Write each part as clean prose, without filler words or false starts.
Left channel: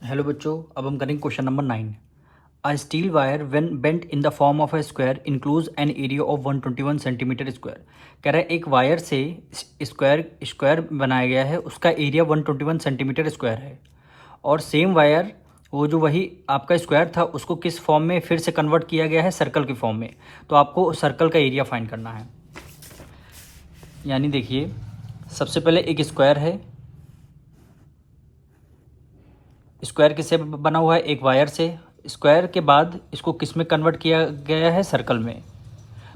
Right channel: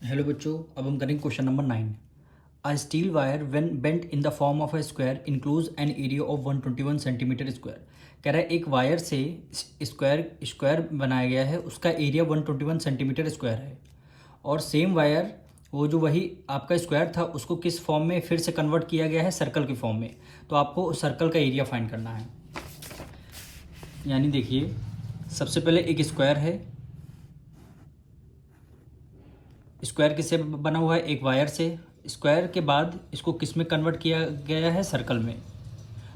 Hello बच्चों, अब हम करेंगे question number 9। A steel wire when bent in the form of a square includes an area of 121 centimetre square. कह रहा है एक वायर से स्क्वायर स्क्वायर बनाया गया है, उसका एरिया 121 सेंटीमीटर स्क्वायर है। और सेम वायर, वो जो वही आपका स्क्वायर था, उसको किस फॉर्म में फिर से कन्वर्ट किया गया है? सर्कल के फॉर्म में। तो आपको सर्कल का एरिया फाइंड करना है। यानी देखिए, सबसे पहले एक स्क्वायर है। स्क्वायर किससे बना हुआ है? एक वायर से। स्क्वायर के बाद इसको किस में कन्वर्ट किया गया है? सर्कल में।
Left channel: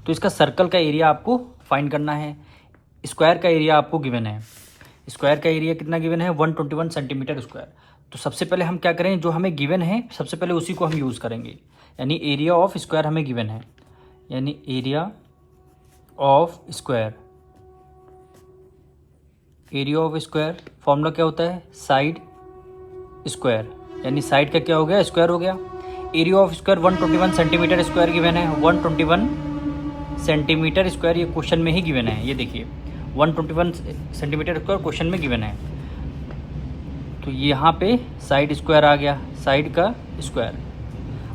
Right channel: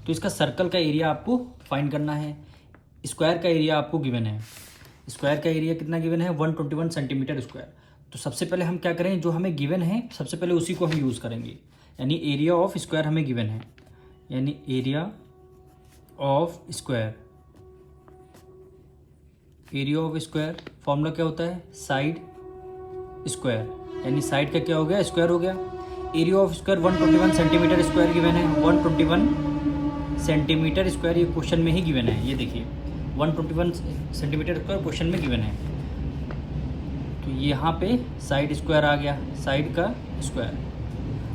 तो इसका सर्कल का एरिया आपको फाइंड करना है। स्क्वायर का एरिया आपको गिवन है। स्क्वायर का एरिया कितना गिवन है? 121 सेंटीमीटर स्क्वायर। तो सबसे पहले हम क्या करें, जो हमें गिवन है सबसे पहले उसी को हम यूज़ करेंगे। यानी एरिया ऑफ स्क्वायर हमें गिवन है, यानी area of square. Area of square formula क्या होता है? Side square. यानी साइड का क्या हो गया? स्क्वायर हो गया। Area of square 121 centimetre square given है। 121 सेंटीमीटर स्क्वायर ये क्वेश्चन में ही गिवन है। ये देखिए 121 सेंटीमीटर स्क्वायर क्वेश्चन में गिवन है। तो यहाँ पे साइड स्क्वायर आ गया, साइड का स्क्वायर।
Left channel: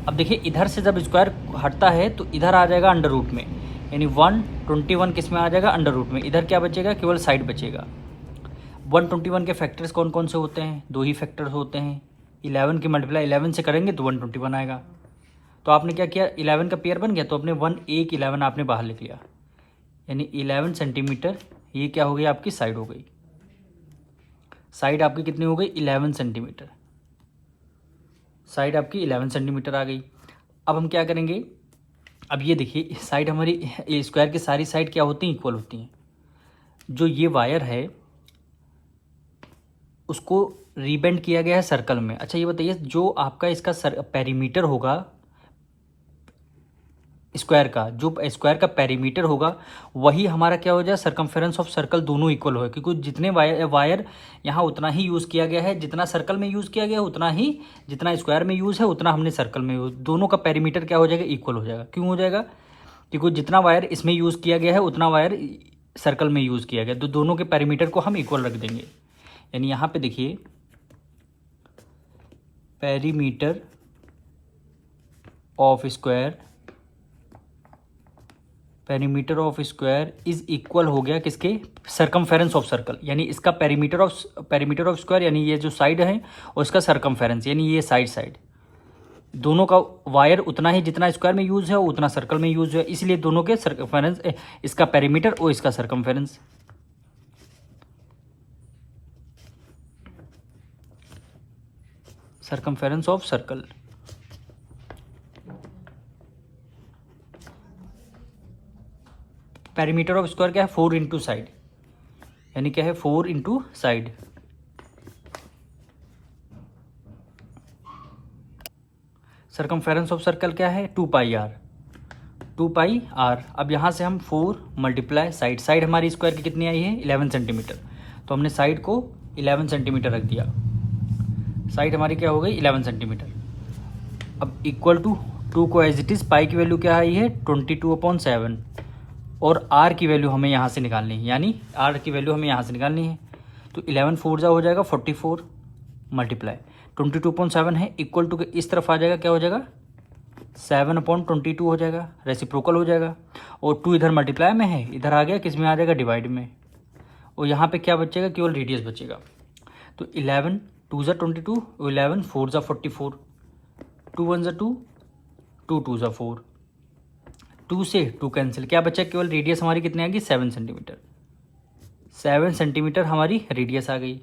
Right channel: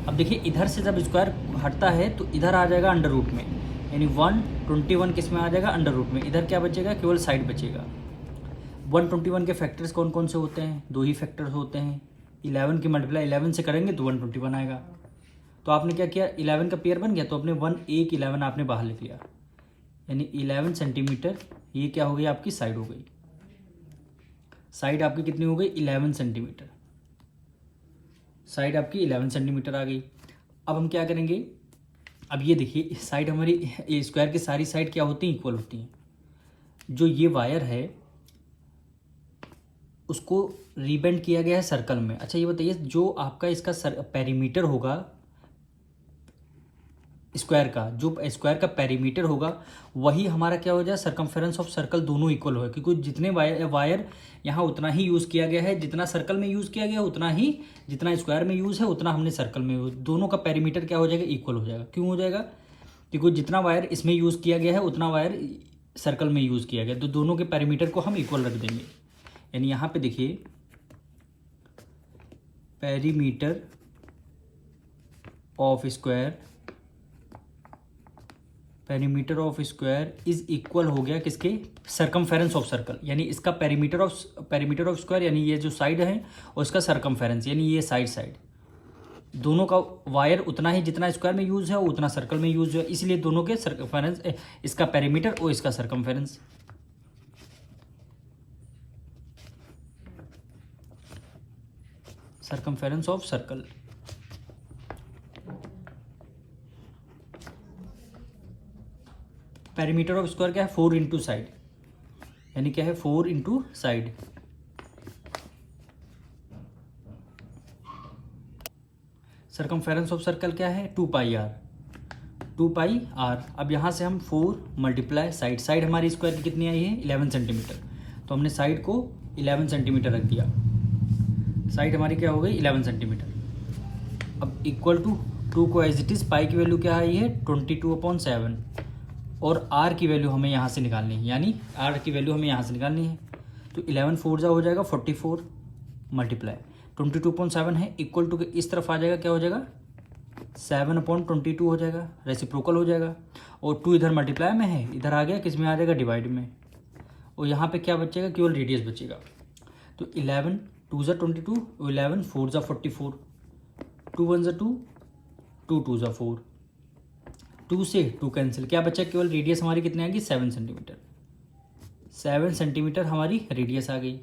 अब देखिए इधर से जब स्क्वायर हटता है तो इधर आ जाएगा अंडर रूट में, यानी 121 किस में आ जाएगा? अंडर रूट में। इधर क्या बचेगा? केवल साइड बचेगा। 121 के फैक्टर्स कौन कौन से होते हैं? दो ही फैक्टर्स होते हैं। 11 की मल्टीप्लाई 11 से करेंगे तो 121 आएगा। तो आपने क्या किया? 11 का पेयर बन गया तो अपने 11 आपने बाहर लिख लिया, यानी 11 सेंटीमीटर। ये क्या हो गई? आपकी साइड हो गई। साइड आपकी कितनी हो गई? 11 सेंटीमीटर। साइड आपकी 11 सेंटीमीटर आ गई। अब हम क्या करेंगे? अब ये देखिए साइड हमारी स्क्वायर की सारी साइड क्या होती हैं? इक्वल होती हैं। जो ये वायर है उसको रीबेंड किया गया है सर्कल में। अच्छा ये बताइए, जो आपका इसका पेरीमीटर होगा स्क्वायर का, जो स्क्वायर का पेरीमीटर होगा वही हमारा क्या हो जाए? Circumference of circle. दोनों इक्वल हो, क्योंकि जितने वायर यहाँ उतना ही यूज़ किया गया है, जितना सर्कल में यूज़ किया गया है उतना ही, जितना स्क्वायर में यूज़ है उतना हमने सर्कल में यूज़। दोनों का पेरीमीटर क्या हो जाएगा? इक्वल हो जाएगा। क्यों हो जाएगा? क्योंकि जितना वायर इसमें यूज़ किया गया है उतना वायर सर्कल में यूज़ किया गया, तो दोनों के पेरीमीटर को हम इक्वल रख देंगे। यानी यहाँ पे देखिए perimeter of square, perimeter of square is equal हो गया किसके? Circumference of circle. यानी इसका पेरीमीटर ऑफ स्क्वायर, यानी ये जो साइड है और इसका सरकमफेरेंस, यानी ये साइड दोनों का वायर उतना ही, जितना स्क्वायर में यूज है उतना सर्कल में यूज है, इसलिए दोनों के सरकमफेरेंस, इसका पेरीमीटर और इसका circumference. Circumference of circle. Perimeter of square क्या है? 4 इंटू साइड, यानी क्या है? 4 into side. Circumference of circle क्या है? 2 पाई आर। 2 pi are. अब यहाँ से हम 4 मल्टीप्लाई साइड। साइड हमारी स्क्वायर की कितनी आई है? 11 सेंटीमीटर। तो हमने साइड को 11 सेंटीमीटर रख दिया। साइड हमारी क्या हो गई? 11 सेंटीमीटर। अब इक्वल टू 2 को एज इट इज़, पाई की वैल्यू क्या आई है? 22/7। और आर की वैल्यू हमें यहाँ से निकालनी है, यानी आर की वैल्यू हमें यहाँ से निकालनी है। तो 11 4 जा हो जाएगा 44 मल्टीप्लाई 22/7 है, इक्वल टू के इस तरफ आ जाएगा, क्या हो जाएगा? 7/22 हो जाएगा, रेसिप्रोकल हो जाएगा। और 2 इधर मल्टीप्लाई में है, इधर आ गया किस में? आ जाएगा डिवाइड में। और यहाँ पे क्या बचेगा? केवल रेडियस बचेगा। तो 11 2 ज़ा 22, 11 4 ज़ा 44, 2 1 ज़ा 2, 2 2 ज़ा 4, 2 से 2 कैंसिल, क्या बचा? केवल रेडियस हमारी कितनी आ गई? 7 सेंटीमीटर। 7 सेंटीमीटर हमारी रेडियस आ गई।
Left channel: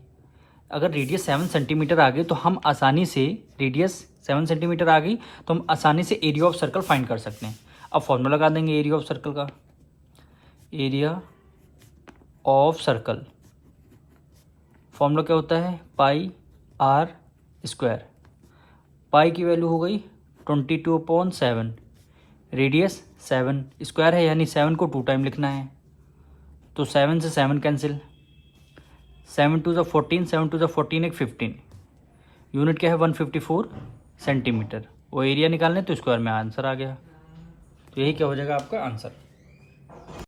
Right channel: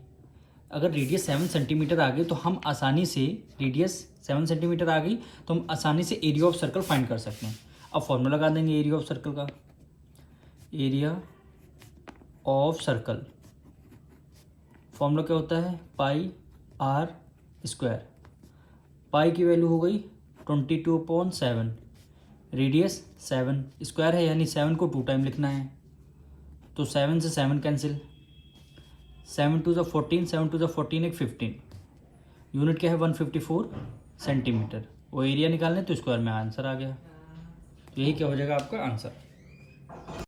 अगर रेडियस 7 सेंटीमीटर आ गई तो हम आसानी से, रेडियस 7 सेंटीमीटर आ गई तो हम आसानी से एरिया ऑफ सर्कल फाइंड कर सकते हैं। अब फॉर्मूला लगा देंगे एरिया ऑफ सर्कल का। एरिया ऑफ सर्कल फॉर्मूला क्या होता है? पाई आर स्क्वायर। पाई की वैल्यू हो गई 22/7, रेडियस 7, स्क्वायर है यानी 7 को 2 टाइम लिखना है, तो 7 से 7 कैंसिल, 7 2 ज़ा 14, 7 2 ज़ा 14 एक 15। यूनिट क्या है? 154 सेंटीमीटर। वो एरिया निकालने तो स्क्वायर में आंसर आ गया। तो यही क्या हो जाएगा आपका आंसर।